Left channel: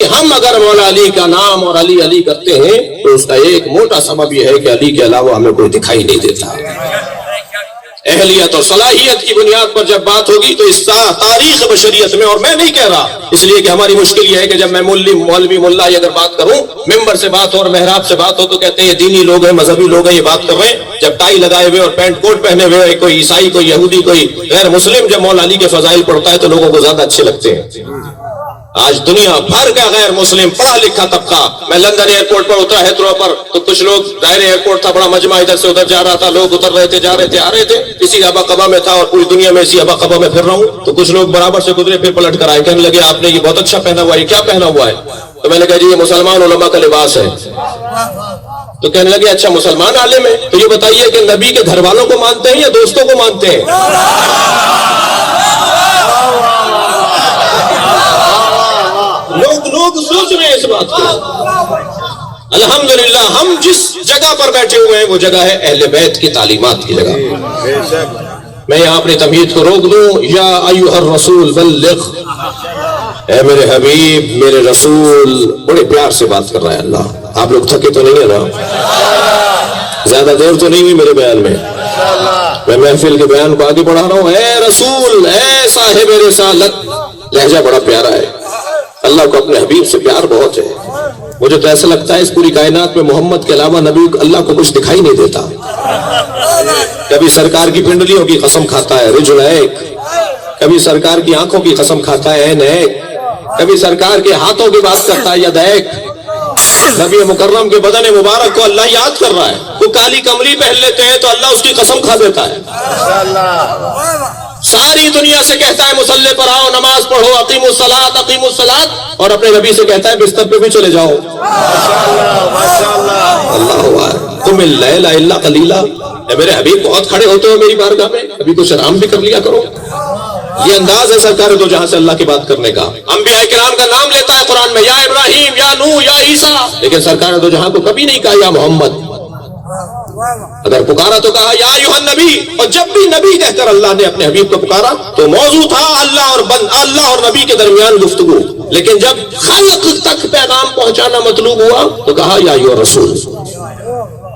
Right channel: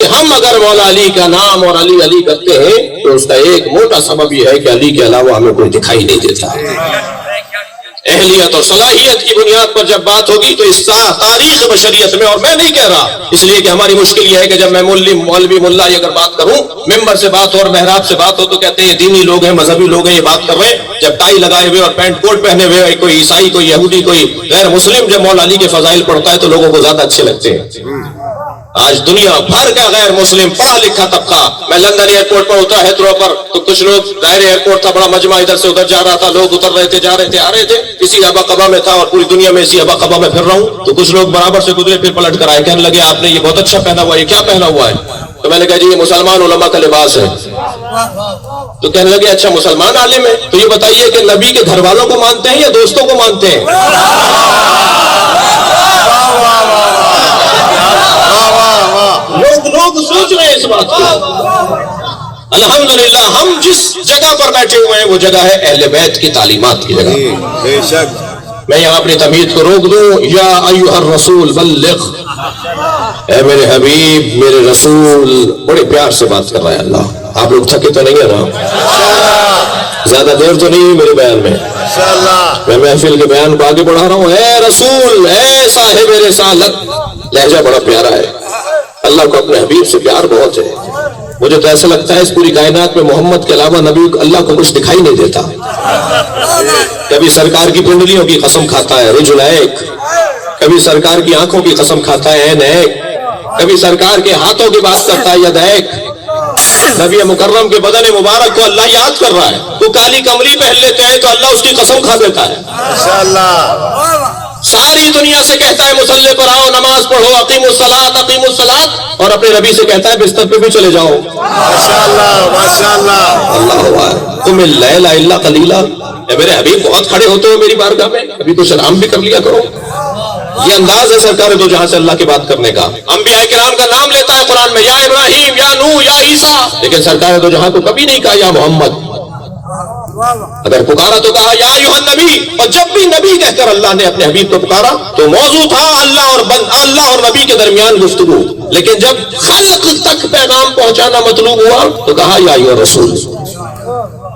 ہم اگر مولا علی کا نام اور علی علی کرتے ہیں تو اس کا ایک موٹا سبب یہ ہے کہ علی کے علاوہ ہمیں کوئی دکھائی نہیں دیتا. اہلیت اور صلاحیت کی بنیاد پر جب بات ہوگی تو اس کا تاریخ بشریت میں، اور میں نہیں کہہ رہا اس لیے کہ ہماری مشکل یہ ہے کہ جب میں مولوی ملا اگر بات کروں، ممبر سے بات ہو اور محراب سے بات ہو تو کہتے ہیں یہ دینی لوگ ہیں، مذہبی لوگ ہیں، یہ بات کر رہے ہیں. جب ٹائی لگائے ہوئے اور پینٹ کوٹ پہنے ہوئے کوئی عیسائی، کوئی یہودی، کوئی غیر مسلم جب مولا علی کے فضائل پڑھتا ہے تو لوگوں کو زیادہ اچھے لگتے ہیں. آج دنیا بھر کا غیر مسلم پڑھا لکھا طبقہ، میں لندن ایئرپورٹ پر اترا ہیتھرو پر تو کچھ لوگ، ظاہر ایئرپورٹ تھا، بڑا مجمع ادھر سے ادھر جا رہا تھا، لوگ اتر رہے تھے، جا رہے تھے، آ رہے تھے، اسی ہبا قبا میں تھا اور پوری دنیا میں اسی ہبا قبا میں پھر رہا ہوں. تو کچھ لوگ برابر سے گزرے، پھر پلٹ کر آئے، کہنے لگے آپ نے یہ بہت اچھا پہنا ہوا ہے، یہ کیا پہنا ہوا ہے؟ تو میں نے کہا جی یہ مسلمان علماء کا لباس ہے. تو کہنے لگے اچھا مسلمان عالم ہے، تو یہ بتائیے کہ نبی کے گھر والوں کو مانتے ہیں یا دوستوں کو مانتے ہیں؟ لوگ سوچ رہے ہیں اس بات کو. الحمدللہ ہم جس جگہ پر بیٹھے ہوئے ہیں وہ جگہ ہے اہل بیت کی تعلیمات کی جگہ. میں یہاں اپنی تمہید کو روک دوں. یا ایھا الرسول بلغ، اے میرے حبیب، میرے رسول. بڑے پیار سے بات کر رہا ہے اللہ. آپ لوگ تھکے تو نہیں ہے نا؟ زیادہ دیر تو نہیں ہوئی میرے بیان میں. میں محفل کے بیان کو آگے بڑھا رہا ہوں. اے رسول، اے صاحب رسالت. لہجہ بڑا پیارا ہے. اللہ کو اپنے حبیب سے پیار بہت ہے. مجھے تو ایسا لگتا ہے اس پوری کائنات میں محمد کے علاوہ نبی اللہ کو کچھ دکھائی نہیں دیتا. کبھی سرکار کی پنڈلیوں کی قسم کھاتا ہے رجل ایک، کبھی سرکار کی آنکھوں کی قسم کھاتا ہے عین ایک، کبھی سرکار کے ہاتھوں کی بات کرتا ہے ید ایک. نبی مکرم کے بدن مبارک کو اللہ یاد کر رہا ہے. وہ کالی کمری پہن لیتے ہیں تو اللہ اس کی قسم کھا دیتا ہے. ساری دنیا سے کہتا ہے مصلی پر آؤ، نماز پڑھو، اقیم الصلاۃ اقیم الصلاۃ، اور اپنے نبی سے کہتا ہے بستر پہ بھی چلے جاؤ. اللہ تم اللیل الا قلیلا. اے میرے حبیب بہت کھڑے ہوتے ہو میری بارگاہ میں، ابھی کچھ آرام بھی کر لیا کرو. یہ انداز ہے سرکار دو جہاں سے اللہ کی بات کرنے کا. انبیاء کرام کا نام لیتا ہے قرآن میں، یا ابراہیم، یا نوح، یا عیسیٰ، لیکن سرکار دو جہاں کو کبھی نہیں کہا یا محمد. اگر پکارا تو کہا یا ایھا النبی. اور جب بھی نبی کہہ کر اللہ نے اپنے حبیب کو پکارا تو موضوع تھا اللہ اور نبی کے درمیان گفتگو. لیکن جب خلق تک پیغام پہنچانا مطلوب ہوا تو کہا یا ایھا الرسول.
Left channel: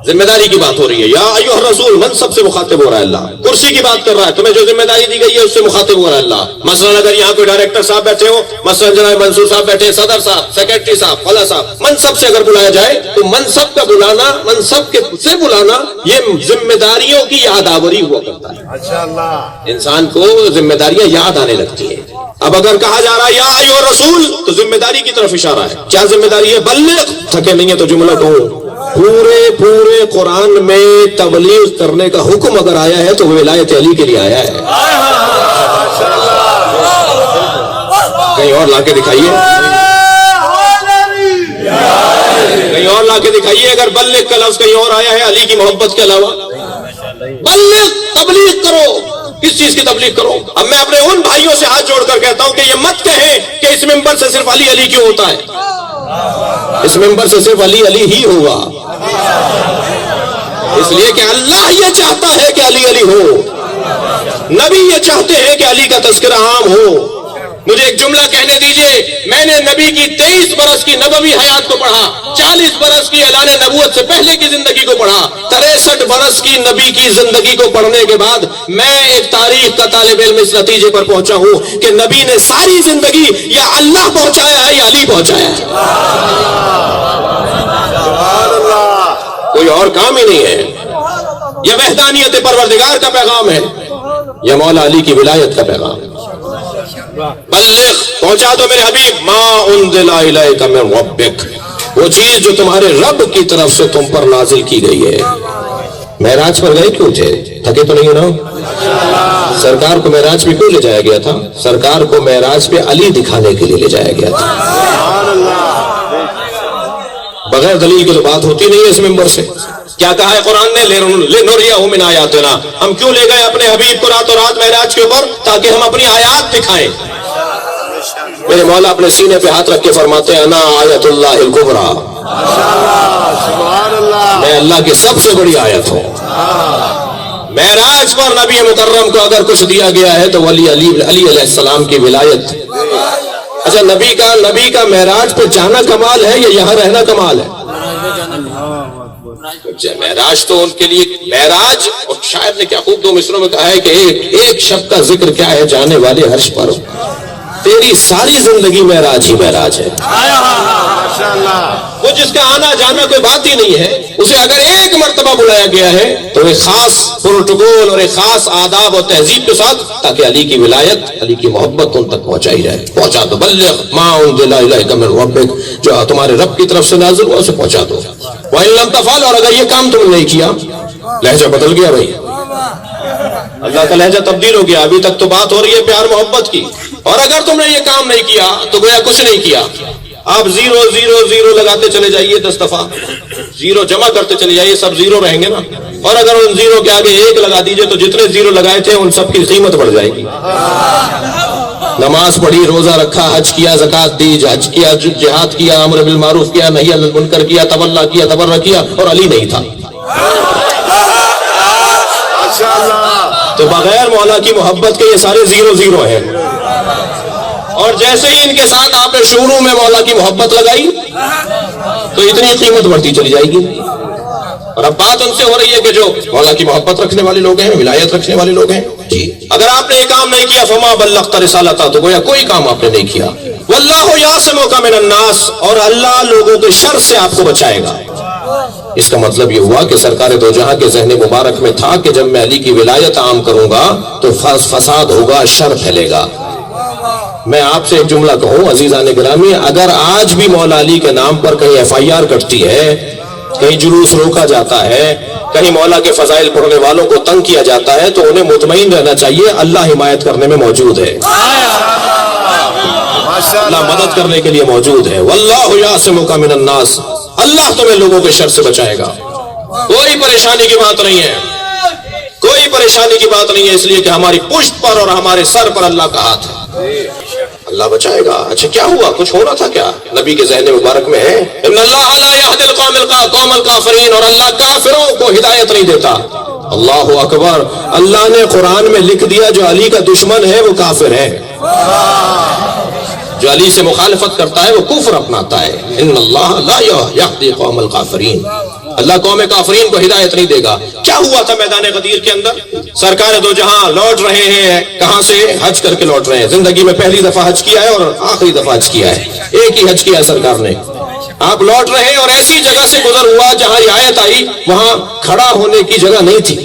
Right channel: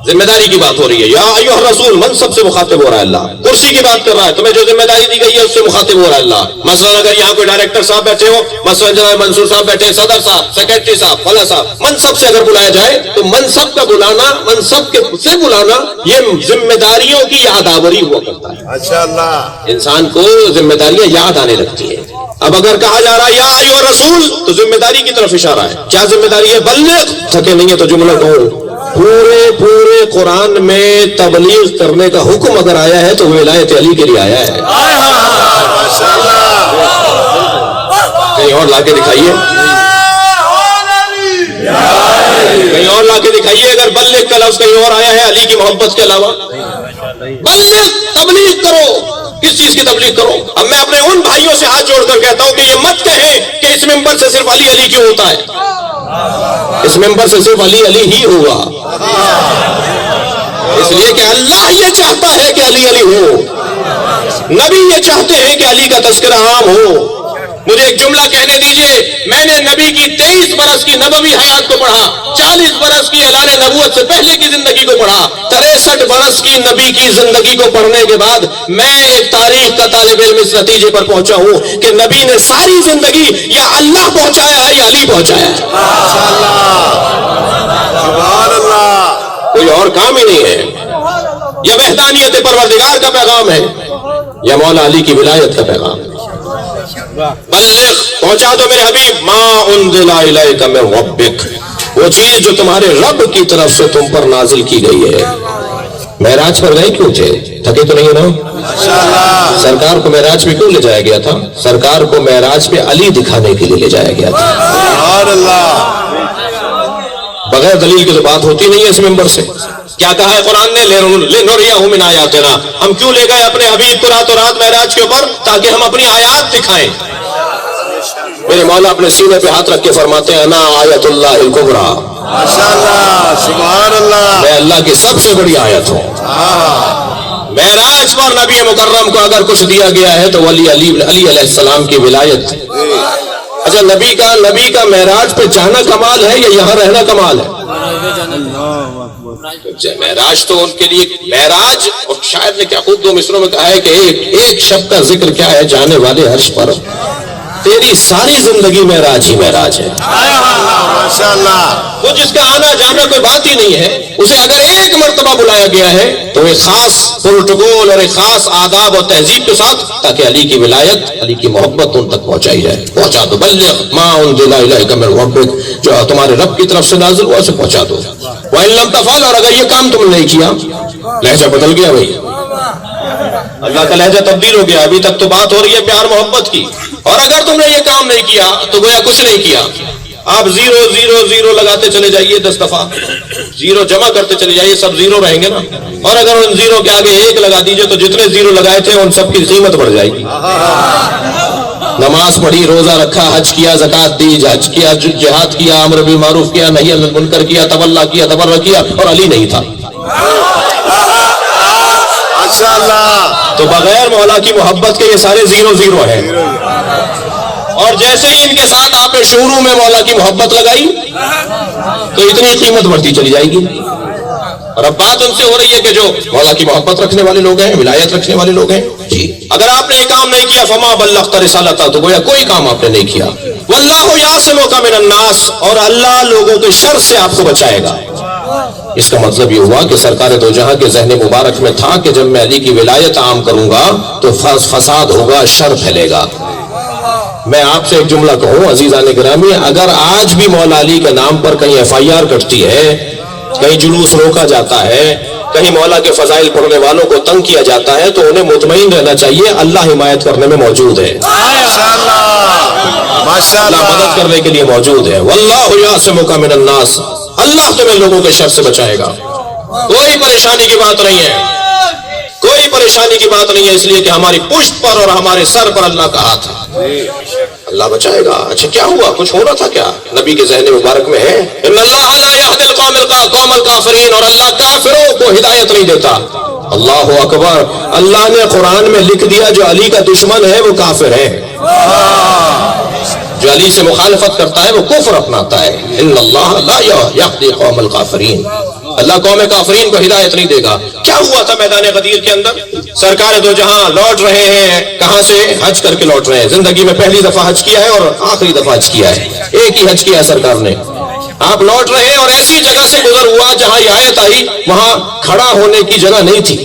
ذمہ داری کی بات ہو رہی ہے. یا ایھا الرسول منصب سے مخاطب ہو رہا ہے اللہ. کرسی کی بات کر رہا ہے، تمہیں جو ذمہ داری دی گئی ہے اس سے مخاطب ہو رہا ہے اللہ. مثلا اگر یہاں کوئی ڈائریکٹر صاحب بیٹھے ہو، مثلا جناب منصور صاحب بیٹھے، صدر صاحب، سیکرٹری صاحب، فلاں صاحب، منصب سے اگر بلایا جائے تو منصب کا بلانا، منصب کے سے بلانا، یہ ذمہ داریوں کی یاد آوری ہوا کرتا ہے. انسان کو ذمہ داریاں یاد آنے لگتی ہیں. اب اگر کہا جا رہا ہے یا ایھا الرسول تو ذمہ داری کی طرف اشارہ ہے. کیا ذمہ داری ہے؟ بلغ. تھکے نہیں ہے تو جملہ کہو. پورے قرآن میں تبلیغ کرنے کا حکم اگر آیا ہے تو ولایت علی کے لیے آیا ہے. کہیں اور لا کے دکھائیے، کہیں اور لا کے دکھائیے. اگر بلغ کا لفظ کہیں اور آیا ہے علی کی محبت کے علاوہ. بلغ، تبلیغ کرو. کس چیز کی تبلیغ کرو؟ اب میں اپنے ان بھائیوں سے ہاتھ جوڑ کر کہتا ہوں کہ یہ مت کہیں کہ اس ممبر سے صرف علی علی کیوں ہوتا ہے. اس ممبر سے صرف علی علی ہی ہوگا، اس لیے کہ اللہ یہ چاہتا ہے کہ علی علی ہو. نبی یہ چاہتے ہیں کہ علی کا تذکرہ عام ہو. مجھے ایک جملہ کہنے دیجئے. میں نے نبی کی 23 برس کی نبوی حیات کو پڑھا، 40 برس کی اعلان نبوت سے پہلے کی زندگی کو پڑھا، 63 برس کی نبی کی زندگی کو پڑھنے کے بعد میں ایک تاریخ کا طالب علم اس نتیجے پر پہنچا ہوں کہ نبی نے ساری زندگی یا اللہ پہنچایا ہے یا علی پہنچایا ہے. کوئی اور کام ہی نہیں ہے. یا وحدانیت پروردگار کا پیغام ہے یا مولا علی کی ولایت کا پیغام. بلغ، پہنچا دو میرے حبیب ما انزل الیک من ربک، وہ چیز جو تمہارے رب کی طرف سے تم پر نازل کی گئی ہے. معراج پر گئے کیوں تھے؟ تھکے تو نہیں نا؟ سرکار کو معراج پہ کیوں لے جایا گیا تھا؟ سرکار کو معراج پہ علی دکھانے کے لیے لے جایا گیا تھا. بغیر دلیل کی تو بات ہوتی نہیں ہے اس ممبر سے. کیا کہا ہے قرآن نے؟ لِنُرِيَهُ مِنْ آیَاتِنَا. ہم کیوں لے گئے اپنے حبیب کو راتوں رات معراج کے اوپر؟ تاکہ ہم اپنی آیات دکھائیں. میرے مولا اپنے سینے پہ ہاتھ رکھ کے فرماتے ہیں انا آیت اللہ الکبریٰ، میں اللہ کی سب سے بڑی آیت ہوں. معراج پر نبی مکرم کو اگر کچھ دیا گیا ہے تو علی علیہ السلام کی ولایت. اچھا نبی کا معراج پہ جانا کمال ہے یا یہاں رہنا کمال ہے؟ معراج تو ان کے لیے معراج، اور شاید نے کیا خوب 2 مصروں میں کہا ہے کہ ایک شب کا ذکر کیا ہے جانے والے عرش پر، تیری ساری زندگی معراج ہی معراج ہے۔ وہ جس کا آنا جانا کوئی بات ہی نہیں ہے، اسے اگر ایک مرتبہ بلایا گیا ہے تو ایک خاص پروٹوکول اور ایک خاص آداب اور تہذیب کے ساتھ، تاکہ علی کی ولایت، علی کی محبت ان تک پہنچائی جائے۔ پہنچا دو، بلغ ما انزل الیک من ربک، جو تمہارے رب کی طرف سے نازل ہوا اسے پہنچا دو۔ وَإِن لَمْ تَفْعَلْ، اور اگر یہ کام تم نے نہیں کیا، لہجہ بدل گیا بھائی، اللہ کا لہجہ تبدیل ہو گیا۔ ابھی تک تو بات ہو رہی ہے پیار محبت کی، اور اگر تم نے یہ کام نہیں کیا تو گویا کچھ نہیں کیا۔ آپ 0 0 0 لگاتے چلے جائیے 10 دفعہ، 0 جمع کرتے چلے جائیے، سب 0 رہیں گے نا، اور اگر ان 0 کے آگے 1 لگا دیجئے تو جتنے 0 لگائے تھے ان سب کی قیمت بڑھ جائے گی۔ نماز پڑھی، روزہ رکھا، حج کیا، زکات دی، حج کیا، جہاد کیا، امر بالمعروف کیا، نہی عن المنکر کیا، تولا کیا، تبرع کیا، اور علی نہیں تھا تو بغیر مولا کی محبت کے یہ سارے 0 0 ہیں۔ اور جیسے ہی ان کے ساتھ آپ نے شروع میں مولا کی محبت لگائی تو اتنی قیمت بڑھتی چلی جائے گی۔ اور اب بات ان سے ہو رہی ہے کہ جو مولا کی محبت رکھنے والے لوگ ہیں، ولایت رکھنے والے لوگ ہیں، جی اگر آپ نے یہ کام نہیں کیا فما بلغت رسالتہ، تو گویا کوئی کام آپ نے نہیں کیا۔ واللہ یعصمک من الناس، اور اللہ لوگوں کے شر سے آپ کو بچائے گا۔ اس کا مطلب یہ ہوا کہ سرکار دو جہاں کے ذہن مبارک میں تھا کہ جب میں علی کی ولایت عام کروں گا تو فساد ہوگا، شر پھیلے گا۔ میں آپ سے ایک جملہ کہوں عزیزان گرامی، اگر آج بھی مولا علی کے نام پر کہیں FIR کٹتی ہے، کہیں جلوس روکا جاتا ہے، کہیں مولا کے فضائل پڑھنے والوں کو تنگ کیا جاتا ہے، تو انہیں مطمئن رہنا چاہیے اللہ حمایت کرنے میں موجود ہے، اللہ مدد کرنے کے لیے موجود ہے۔ واللہ یعصمک من الناس، اللہ تمہیں لوگوں کے شر سے بچائے گا۔ کوئی پریشانی کی بات نہیں ہے، کوئی پریشانی کی بات نہیں ہے، اس لیے کہ ہماری پشت پر اور ہمارے سر پر اللہ کا ہاتھ ہے، اللہ بچائے گا۔ اچھا کیا ہوا؟ کچھ ہونا تھا کیا؟ نبی کے ذہن مبارک میں ہے ان اللہ لا یہدی القوم الکافرین، اور اللہ کافروں کو ہدایت نہیں دیتا۔ اللہ اکبر، اللہ نے قرآن میں لکھ دیا جو علی کا دشمن ہے وہ کافر ہے، جو علی سے مخالفت کرتا ہے وہ کفر اپناتا ہے۔ ان اللہ لا یہدی القوم الکافرین، اللہ قوم کافرین کو ہدایت نہیں دے گا۔ کیا ہوا تھا میدان غدیر کے اندر؟ سرکار دو جہاں لوٹ رہے ہیں، کہاں سے؟ حج کر کے لوٹ رہے ہیں۔ زندگی میں پہلی دفعہ حج کیا ہے اور آخری دفعہ حج کیا ہے، ایک ہی حج کیا سرکار نے۔ آپ لوٹ رہے ہیں اور ایسی جگہ سے گزر ہوا جہاں یہ آیت آئی وہاں کھڑا ہونے کی جگہ نہیں تھی،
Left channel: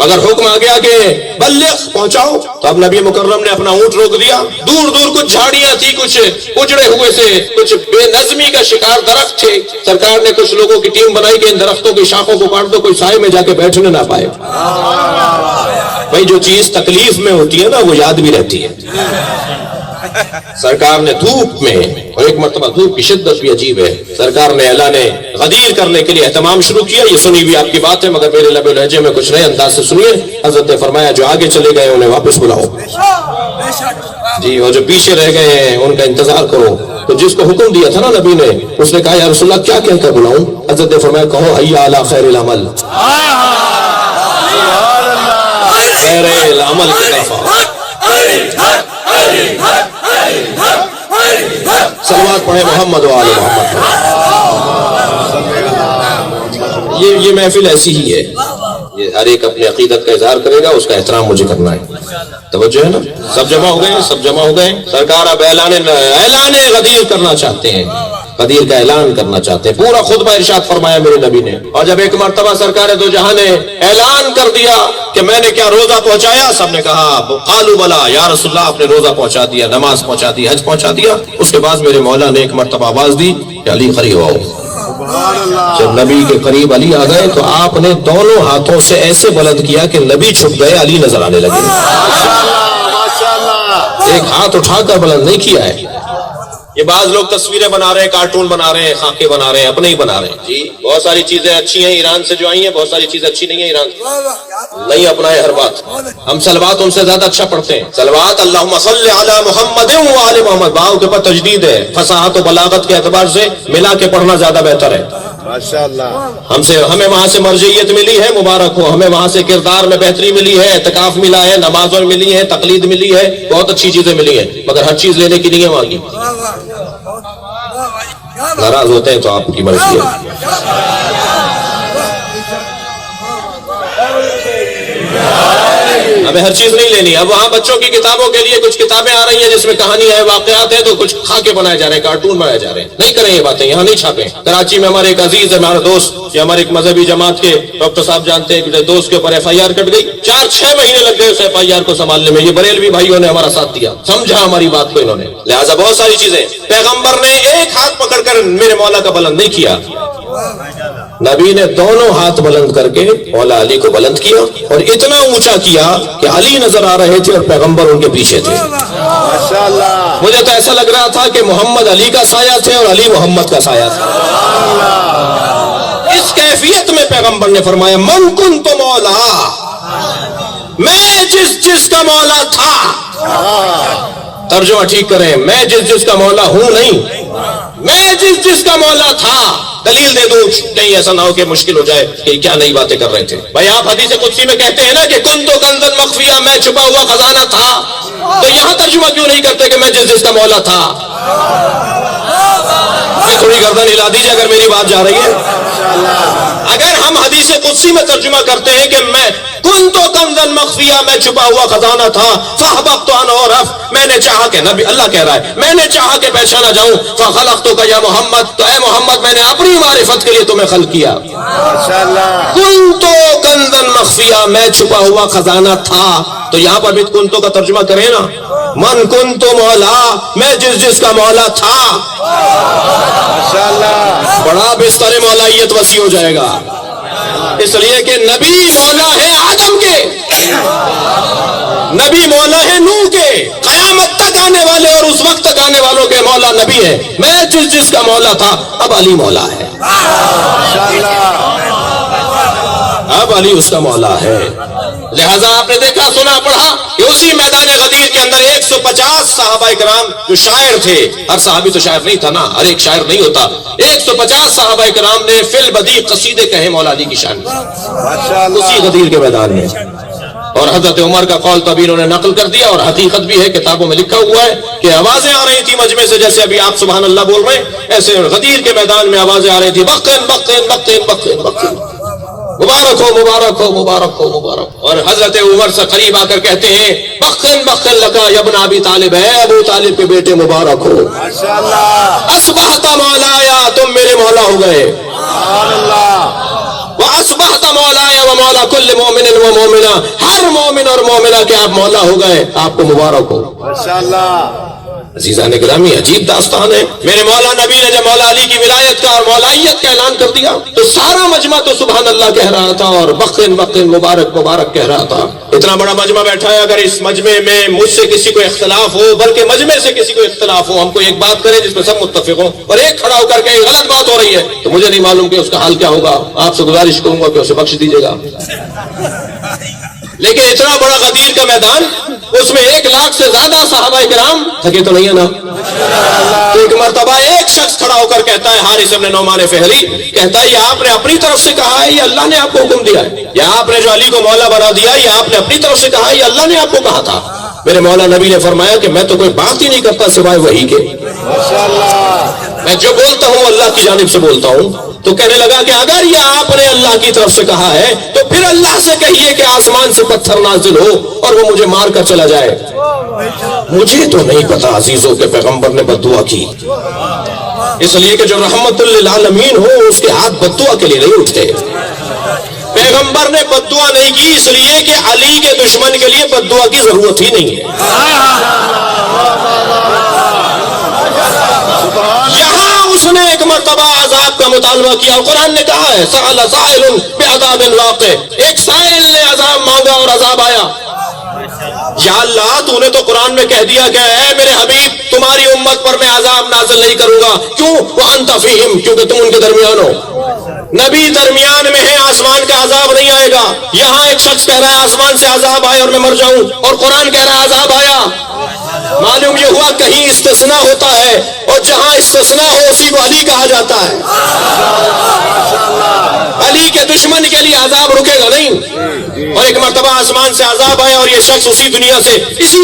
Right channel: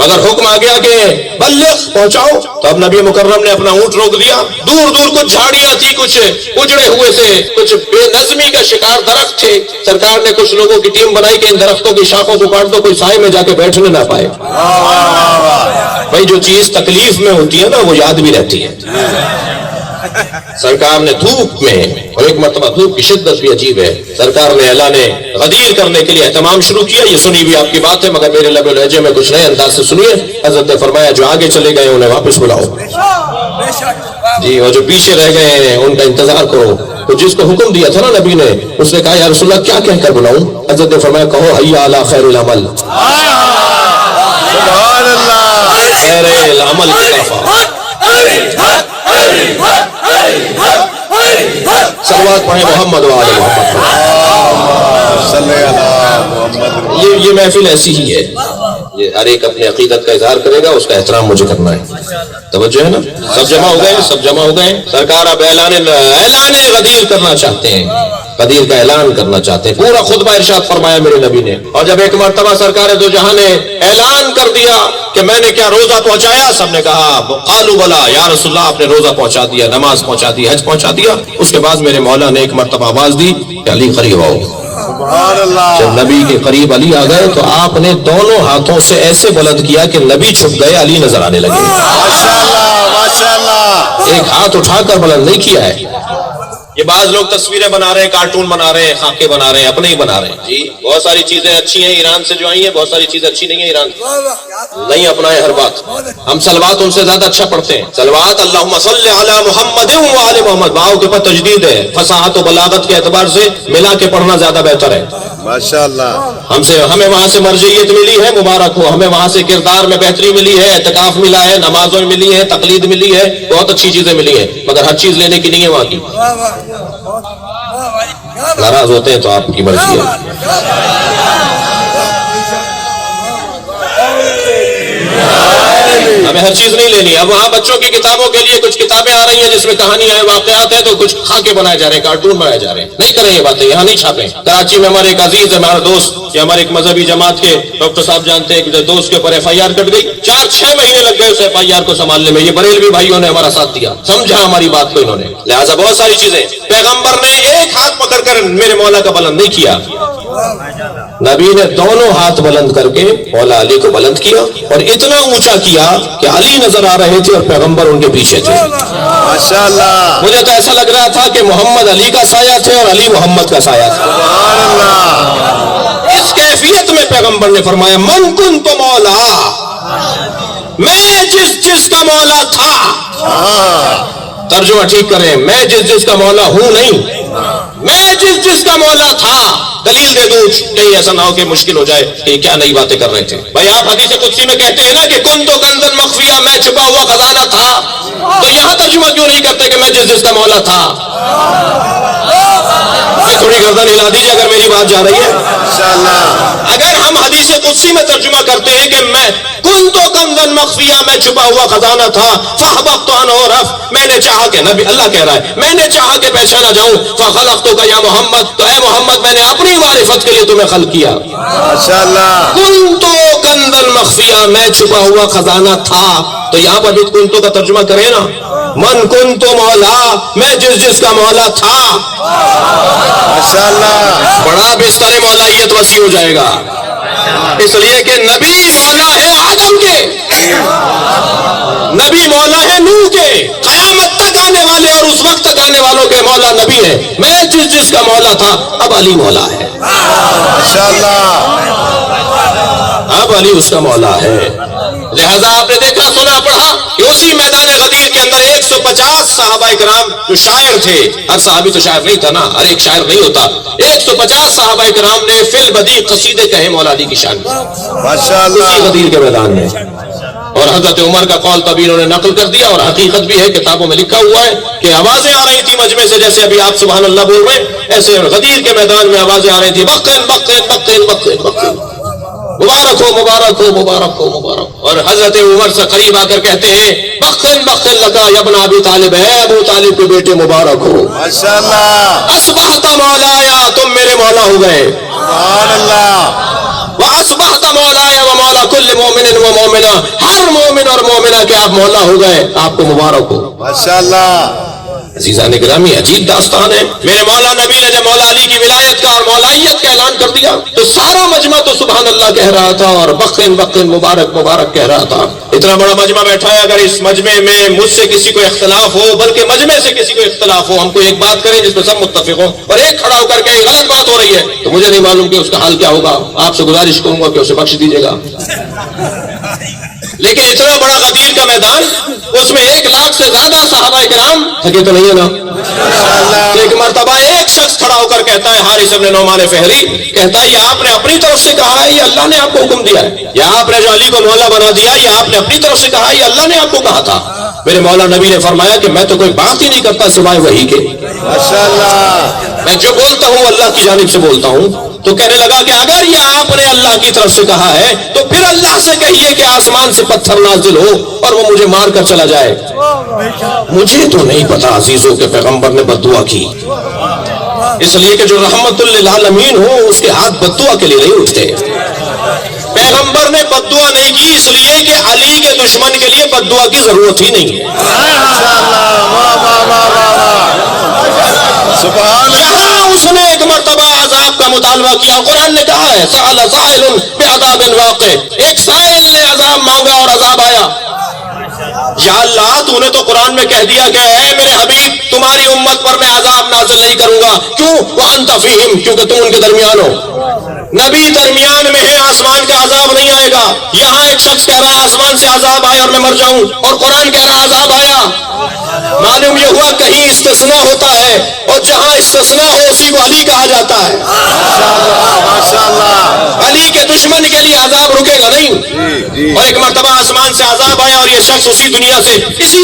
مگر حکم آ گیا کہ بلغ، پہنچاؤ۔ تو اب نبی مکرم نے اپنا اونٹ روک دیا، دور دور کچھ جھاڑیاں تھی، کچھ اجڑے ہوئے سے، کچھ بے نظمی کا شکار درخت تھے۔ سرکار نے کچھ لوگوں کی ٹیم بنائی کہ ان درختوں کی شاخوں کو کاٹ دو، کوئی سائے میں جا کے بیٹھنے نہ پائے۔ بھائی جو چیز تکلیف میں ہوتی ہے نا وہ یاد بھی رہتی ہے۔ سرکار نے دھوپ میں، اور ایک مرتبہ دھوپ کی شدت بھی عجیب ہے، سرکار نے اعلان غدیر کرنے کے لیے اہتمام شروع کیا۔ یہ سنی بھی آپ کی بات ہے مگر میرے لب و لہجے میں کچھ نئے انداز سے سنیے۔ حضرت نے فرمایا جو آگے چلے گئے انہیں واپس بلاؤ، جی اور جو پیچھے رہ گئے ہیں ان کا انتظار کرو۔ تو جس کو حکم دیا تھا نا نبی نے، اس نے کہا یا رسول اللہ کیا کہہ کر بلاؤں؟ حضرت نے فرمایا کہو حی علی خیر العمل، خیر العمل کی صلوات پڑھیں محمد وعلی محمد۔ یہ محفل ایسی ہی ہے، یہ ہر ایک اپنے عقیدت کا اظہار کرے گا، اس کا احترام مجھے کرنا ہے۔ توجہ ہے نا؟ سب جمع ہو گئے، سب جمع ہو گئے۔ سرکار اب اعلان غدیر کرنا چاہتے ہیں، غدیر کا اعلان کرنا چاہتے ہیں۔ پورا خطبہ ارشاد فرمایا میرے نبی نے، اور جب ایک مرتبہ سرکار دو جہاں نے اعلان کر دیا کہ میں نے کیا روزہ پہنچایا، سب نے کہا قالوا بلا یا رسول اللہ، آپ نے روزہ پہنچا دیا، نماز پہنچا دی، حج پہنچا دیا۔ اس کے بعد میرے مولا نے ایک مرتبہ آواز دی کہ علی قریب آؤ۔ جب نبی کے قریب علی آ گئے تو آپ نے دونوں ہاتھوں سے ایسے بلند کیا کہ نبی چھپ گئے، علی نظر آنے لگے۔ ایک ہاتھ اٹھا کر بلند نہیں کیا ہے، یہ بعض لوگ تصویریں بنا رہے ہیں، کارٹون بنا رہے ہیں، خاکے بنا رہے ہیں، اپنے ہی بنا رہے ہیں جی. بہت ساری چیزیں اچھی ہیں ایران سے جو آئی ہیں، بہت ساری چیزیں اچھی نہیں ہیں ایران سے. نہیں اپنائے ہر بات. ہم صلوات ان سے زیادہ اچھا پڑھتے ہیں. صلوات اللہم صلی علی محمد و آل محمد، باؤ کے اوپر تجدید ہے. فصاحت و بلاغت کے اعتبار سے ملا کے پڑھنا زیادہ بہتر ہے. ماشاءاللہ. ہمیں وہاں سے مرجعیت ملی ہے، مبارک ہو. ہمیں وہاں سے کردار میں بہتری ملی ہے، اعتکاف ملا ہے، نمازوں میں ملی ہے، تقلید ملی ہے، بہت اچھی چیزیں ملی ہیں، مگر ہر چیز لینے کی نہیں ہے وہاں کی. ناراض ہوتے ہیں تو آپ کی مرضی ہے. ہمیں ہر چیز نہیں لینی ہے. اب وہاں بچوں کی کتابوں کے لیے کچھ کتابیں آ رہی ہیں جس میں کہانیاں ہیں، واقعات ہیں، تو کچھ خاکے بنائے جا رہے ہیں، کارٹون بنائے جا رہے ہیں. نہیں کریں یہ باتیں، یہاں نہیں چھاپیں. کراچی میں ہمارے ایک عزیز ہے، ہمارا دوست، یہ ہمارے ایک مذہبی جماعت کے ڈاکٹر صاحب جانتے ہیں، ایک دوست کے اوپر FIR کٹ گئی. 4-6 مہینے لگ گئے اس FIR کو سنبھالنے میں. یہ بریلوی بھائیوں نے ہمارا ساتھ دیا، سمجھا ہماری بات کو انہوں نے. لہٰذا بہت ساری چیزیں پیغمبر نے ایک ہاتھ پکڑ کر میرے مولا کا بلند نہیں کیا، نبی نے دونوں ہاتھ بلند کر کے مولا علی کو بلند کیا، اور اتنا اونچا کیا کہ علی نظر آ رہے تھے اور پیغمبر ان کے پیچھے تھے. ماشاءاللہ. مجھے تو ایسا لگ رہا تھا کہ محمد علی کا سایہ تھے اور علی محمد کا سایہ تھا. اس کیفیت میں پیغمبر نے فرمایا من کنت مولا، میں جس کا مولا تھا. ترجمہ ٹھیک کریں، میں جس کا مولا ہوں نہیں، میں جس کا مولا تھا. دلیل دے دوں کہیں ایسا نہ ہو کہ مشکل ہو جائے کہ کیا نئی باتیں کر رہے تھے. بھائی آپ حدیث قدسی میں کہتے ہیں نا کہ کنت کنزا مخفیہ، میں چھپا ہوا خزانہ تھا، تو یہاں ترجمہ کیوں نہیں کرتے کہ میں جس کا مولا تھا؟ تھوڑی گردن ہلا دیجیے اگر میری بات جا رہی ہے. اگر ہم حدیث قدسی میں ترجمہ کرتے ہیں کہ میں کنت کنزا مخفیہ، میں چھپا ہوا خزانہ تھا، فاحببت ان اعرف، میں نے چاہا کہ نبی اللہ کہہ رہا ہے میں نے چاہا کہ پہچانا جاؤں، فخلقتک یا محمد، تو اے محمد میں نے اپنی معرفت کے لیے تمہیں خلق کیا. ماشاءاللہ. کنت کنزا مخفیہ، میں چھپا ہوا خزانہ تھا. تو یہاں پر بھی کنتو کا ترجمہ کریں نا، من کنت مولا، میں جس کا مولا تھا. ماشاءاللہ. بڑا بستر مولائیت وسیع ہو جائے گا، اس لیے کہ نبی مولا ہے آدم کے، نبی مولا ہے نوح کے، قیامت تک آنے والے اور اس وقت تک آنے والوں کے مولا نبی ہے. میں جس کا مولا تھا، اب علی مولا ہے. ماشاءاللہ. اب علی اس کا مولا ہے. لہذا آپ نے دیکھا سنا پڑھا کہ اسی میدان غدیر کے اندر 150 صحابہ کرام جو شاعر تھے، ہر صحابی تو شاعر نہیں تھا نا، ہر ایک شاعر نہیں ہوتا، 150 صحابہ کرام نے فی البدیع قصیدے کہے مولا علی کی شان میں ماشاءاللہ. اسی غدیر کے میدان میں. اور حضرت عمر کا قول طبی انہوں نے نقل کر دیا، اور حقیقت بھی ہے، کتابوں میں لکھا ہوا ہے کہ آوازیں آ رہی تھی مجمع سے، جیسے ابھی آپ سبحان اللہ بول رہے ہیں، ایسے غدیر کے میدان میں آوازیں آ رہی تھی بقین بقین بقین بقین بقین، مبارک ہو مبارک ہو مبارک ہو مبارک. اور حضرت عمر سے قریب آ کر کہتے ہیں بقین بقین لگا یا ابن ابی طالب، ہے ابو طالب کے بیٹے مبارک ہو. ماشاءاللہ. اصبحت مولایا، تم میرے مولا ہو گئے. سبحان اللہ. وَأَصْبَحْتَ مَوْلَايَ وَمَوْلَا كُلِّ مُؤْمِنٍ وَمُؤْمِنَةٍ، ہر مومن اور مومنہ کے آپ مولا ہو گئے، آپ کو مبارک ہو. ماشاءاللہ. عزیزان گرامی، عجیب داستان ہے. میرے مولا نبی نے جب مولا علی کی ولایت کا اور مولائیت کا اعلان کر دیا تو سارا مجمع تو سبحان اللہ کہہ رہا تھا اور بقین بقین مبارک مبارک کہہ رہا تھا. اتنا بڑا مجمع بیٹھا ہے، اگر اس مجمع میں مجھ سے کسی کو اختلاف ہو، بلکہ مجمع سے کسی کو اختلاف ہو، ہم کو ایک بات کریں جس میں سب متفق ہوں، اور ایک کھڑا ہو کر کے غلط بات ہو رہی ہے، تو مجھے نہیں معلوم کہ اس کا حال کیا ہوگا. آپ سے گزارش کروں گا کہ اسے بخش دیجیے گا. لیکن اتنا بڑا غدیر کا میدان، اس میں 1 لاکھ سے زیادہ صحابہ کرام تھکے تو نہیں ہے نا. تو ایک مرتبہ ایک شخص کھڑا ہو کر کہتا ہے، حارث بن نعمان فہری کہتا ہے، یہ آپ نے اپنی طرف سے کہا ہے یا اللہ نے آپ کو حکم دیا ہے؟ یا آپ نے جو علی کو مولا بنا دیا، یہ آپ نے اپنی طرف سے کہا ہے یا اللہ نے آپ کو کہا تھا؟ میرے مولا نبی نے فرمایا کہ میں تو کوئی بات ہی نہیں کرتا سوائے وحی کے. ماشاءاللہ. میں جو بولتا ہوں اللہ کی جانب سے بولتا ہوں. تو کہنے لگا کہ اگر یہ آپ نے اللہ کی طرف سے کہا ہے تو پھر اللہ سے کہیے کہ آسمان سے پتھر نازل ہو اور وہ مجھے مار کر چلا جائے. مجھے تو نہیں پتا عزیزوں کے پیغمبر نے بد دعا کی، اس لیے کہ جو رحمت للعالمین ہو اس کے ہاتھ بد دعا کے لیے نہیں اٹھتے. پیغمبر نے بد دعا نہیں کی اس لیے کہ علی کے دشمن کے لیے بد دعا کی ضرورت ہی نہیں ہے. یہاں اس نے ایک مرتبہ عذاب کا مطالبہ کیا، قرآن نے کہا ہے سأل سائل بعذاب واقع، ایک سائل نے عذاب مانگا اور عذاب آیا. یا اللہ تو نے تو قرآن میں کہہ دیا کہ اے میرے حبیب تمہاری امت پر میں عذاب نازل نہیں کروں گا. کیوں؟ وانت فیہم، کیونکہ تم ان کے درمیان ہو. نبی درمیان میں ہے، آسمان کا عذاب نہیں آئے گا. یہاں ایک شخص کہہ رہا ہے آسمان سے عذاب آئے اور میں مر جاؤں، اور قرآن کہہ رہا ہے عذاب آیا. معلوم یہ ہوا کہیں استثناء ہوتا ہے، اور جہاں استثناء ہو اسی کو علی کہا جاتا ہے. علی کے دشمن کے لیے عذاب رکے گا نہیں. اور ایک مرتبہ آسمان سے عذاب آیا اور یہ شخص اسی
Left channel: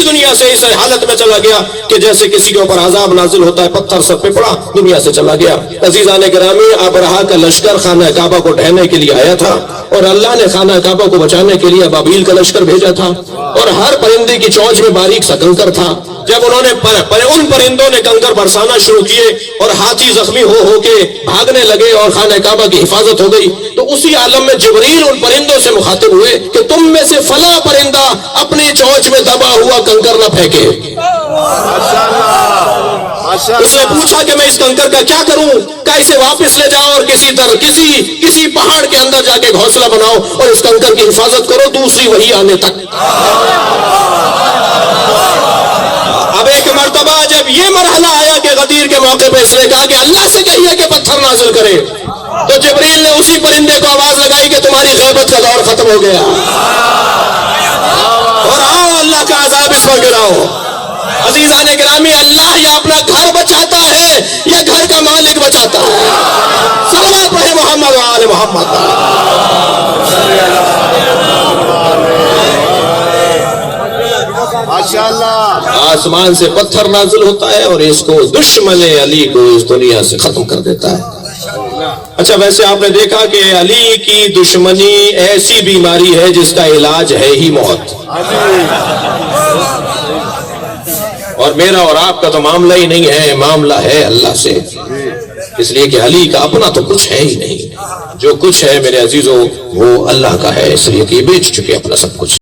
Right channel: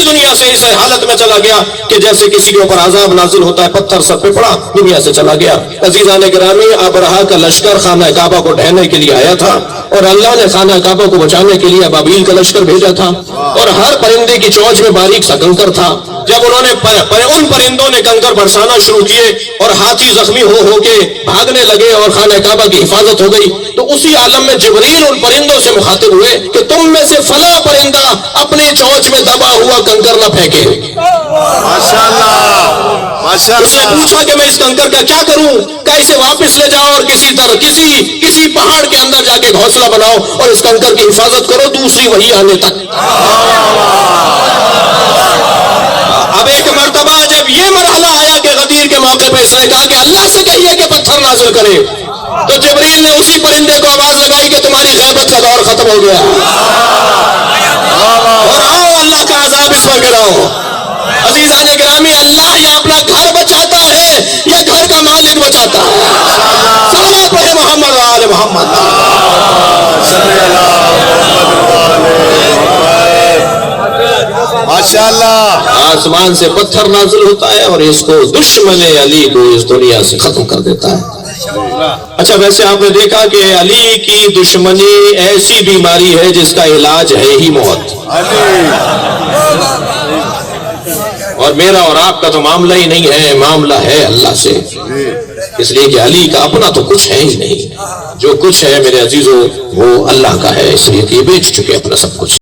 دنیا سے اس حالت میں چلا گیا کہ جیسے کسی کے اوپر عذاب نازل ہوتا ہے، پتھر سر پہ پڑا، دنیا سے چلا گیا. عزیزان گرامی، ابرہہ کا لشکر خانہ کعبہ کو ڈھہنے کے لیے آیا تھا، اور اللہ نے خانہ کعبہ کو بچانے کے لیے ابابیل کا لشکر بھیجا تھا، اور ہر پرندے کی چونچ میں باریک سا کنکر تھا. جب انہوں نے ان پرندوں نے کنکر برسانا شروع کیے اور ہاتھی زخمی ہو کے بھاگنے لگے اور خانہ کعبہ کی حفاظت ہو گئی، تو اسی عالم میں جبریل ان پرندوں سے مخاطب ہوئے کہ تم میں سے فلاں پرندہ اپنی چونچ میں دبا ہوا کنکر نہ پھینکے. اس نے پوچھا کہ میں اس کنکر کا کیا کروں؟ کہ اسے واپس لے جاؤ اور کسی پہاڑ کے اندر جا کے گھونسلہ بناؤ اور اس کنکر کی حفاظت کرو دوسری وحی آنے تک. اب ایک مرتبہ جب یہ مرحلہ آیا کہ غدیر کے موقع پہ اس نے کہا کہ اللہ سے کہیے کہ پتھر نازل کرے، تو جبریل نے اسی پرندے کو آواز لگائی کہ تمہاری غیبت کا دور ختم ہو گیا اور آؤ اللہ کا عذاب اس پر گراؤ. عزیزان گرامی، اللہ یا اپنا گھر بچاتا ہے یا گھر کا مالک بچاتا ہے. صلوات پڑھے محمد و آل محمد. ماشاءاللہ. آسمان سے پتھر نازل ہوتا ہے اور اس کو دشمن علی کو اس دنیا سے ختم کر دیتا ہے. اچھا، ویسے آپ نے دیکھا کہ علی کی دشمنی ایسی بیماری ہے جس کا علاج ہے ہی موت. اور میرا اور آپ کا تو معاملہ ہی نہیں ہے، معاملہ ہے اللہ سے. اس لیے کہ علی کا اپنا تو کچھ ہے ہی نہیں. جو کچھ ہے میرے عزیزوں وہ اللہ کا ہے، اس لیے کہ یہ بیچ چکے اپنا سب کچھ.